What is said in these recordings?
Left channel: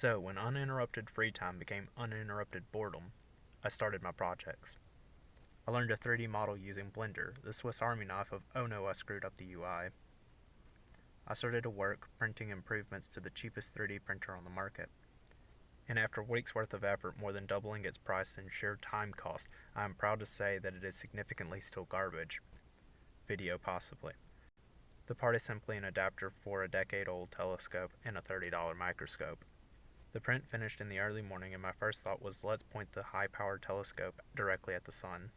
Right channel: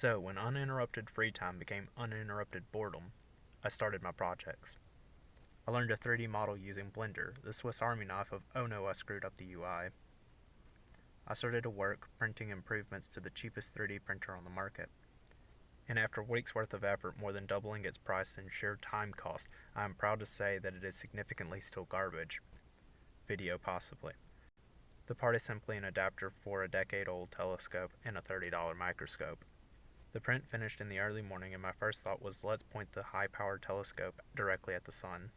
So, when uninterrupted free time became uninterrupted boredom, I started my projects. I learned a 3D model using Blender, the Swiss Army knife of oh no I screwed up the UI. I started to work printing improvements to the cheapest 3D printer on the market. And after weeks worth of effort, more than doubling its price and sheer time cost, I am proud to say that it is significantly still garbage. Video possibly. The part is simply an adapter for a decade-old telescope and a $30 microscope. The print finished in the early morning, and my first thought was, let's point the high-powered telescope directly at the sun.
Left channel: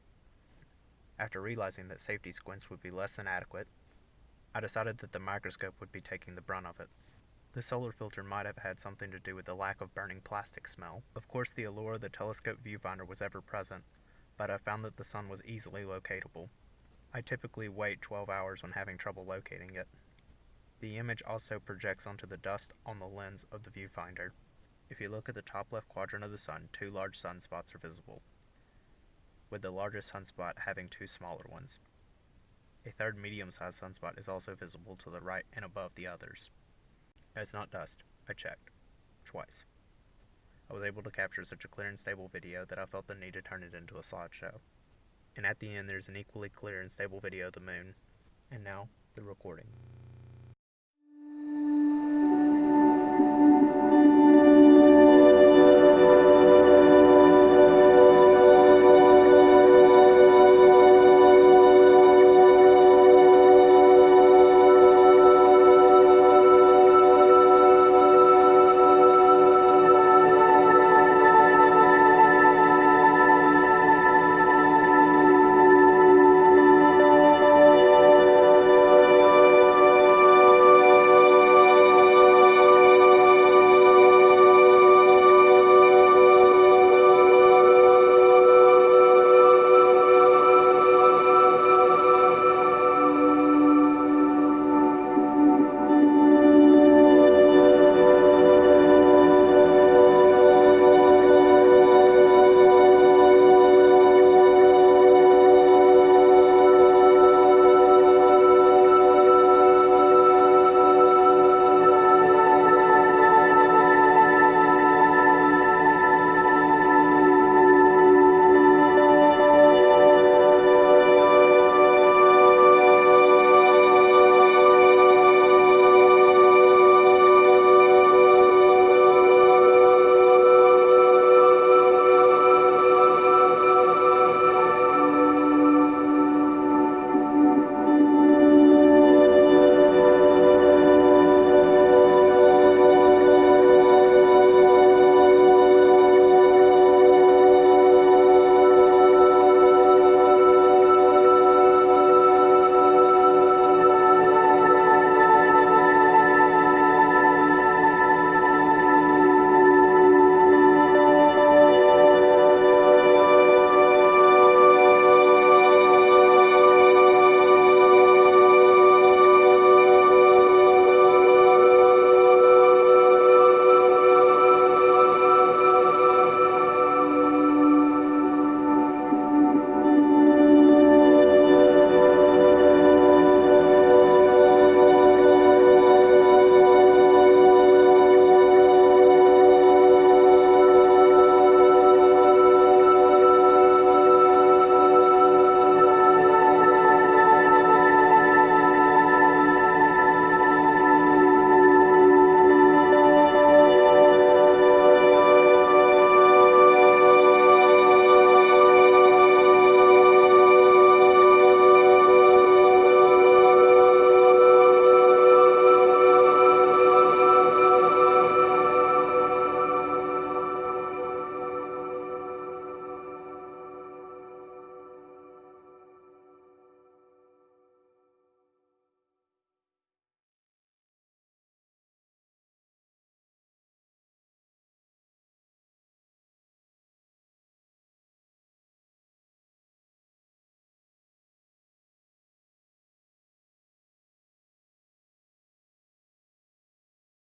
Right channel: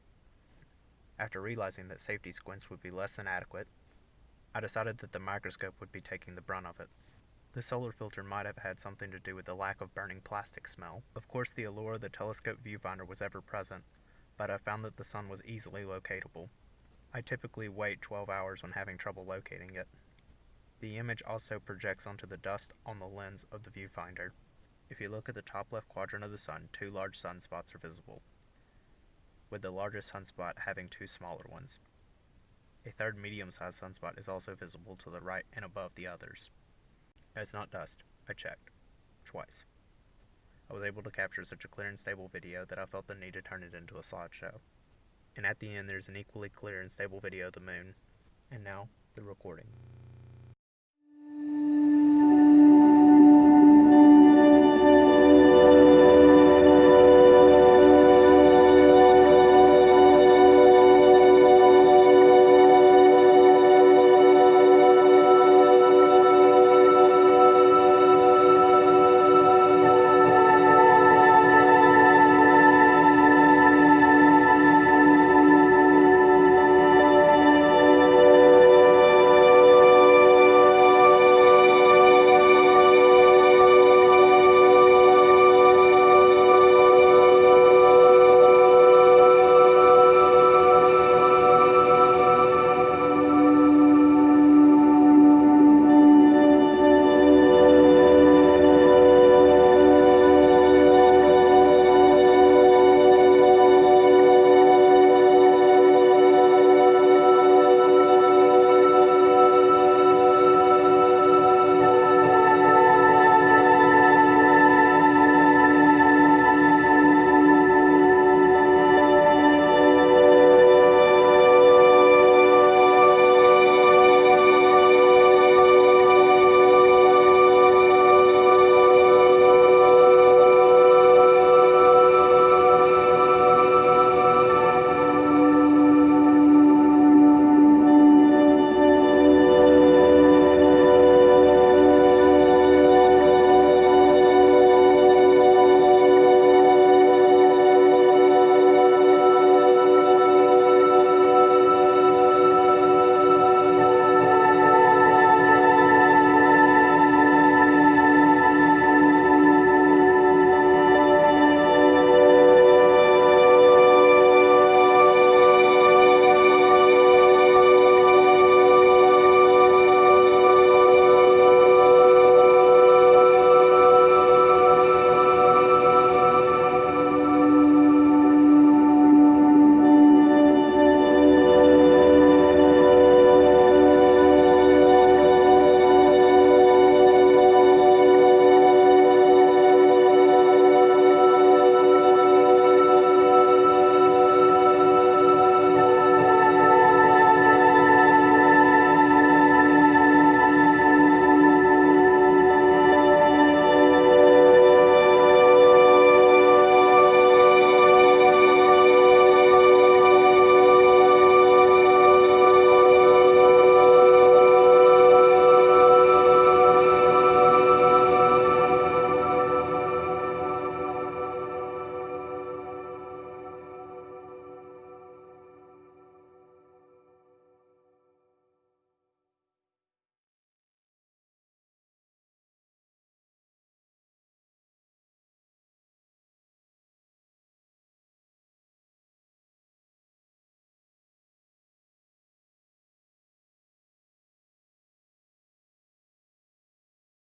After realizing that safety squints would be less than adequate, I decided that the microscope would be taking the brunt of it. The solar filter might have had something to do with the lack of burning plastic smell. Of course, the allure of the telescope viewfinder was ever present, but I found that the sun was easily locatable. I typically wait 12 hours when having trouble locating it. The image also projects onto the dust on the lens of the viewfinder. If you look at the top left quadrant of the sun, two large sunspots are visible, with the largest sunspot having two smaller ones. A third medium-sized sunspot is also visible to the right and above the others. It's not dust. I checked. Twice. I was able to capture such a clear and stable video that I felt the need to turn it into a slideshow. And at the end there's an equally clear and stable video of the moon. And now, the recording.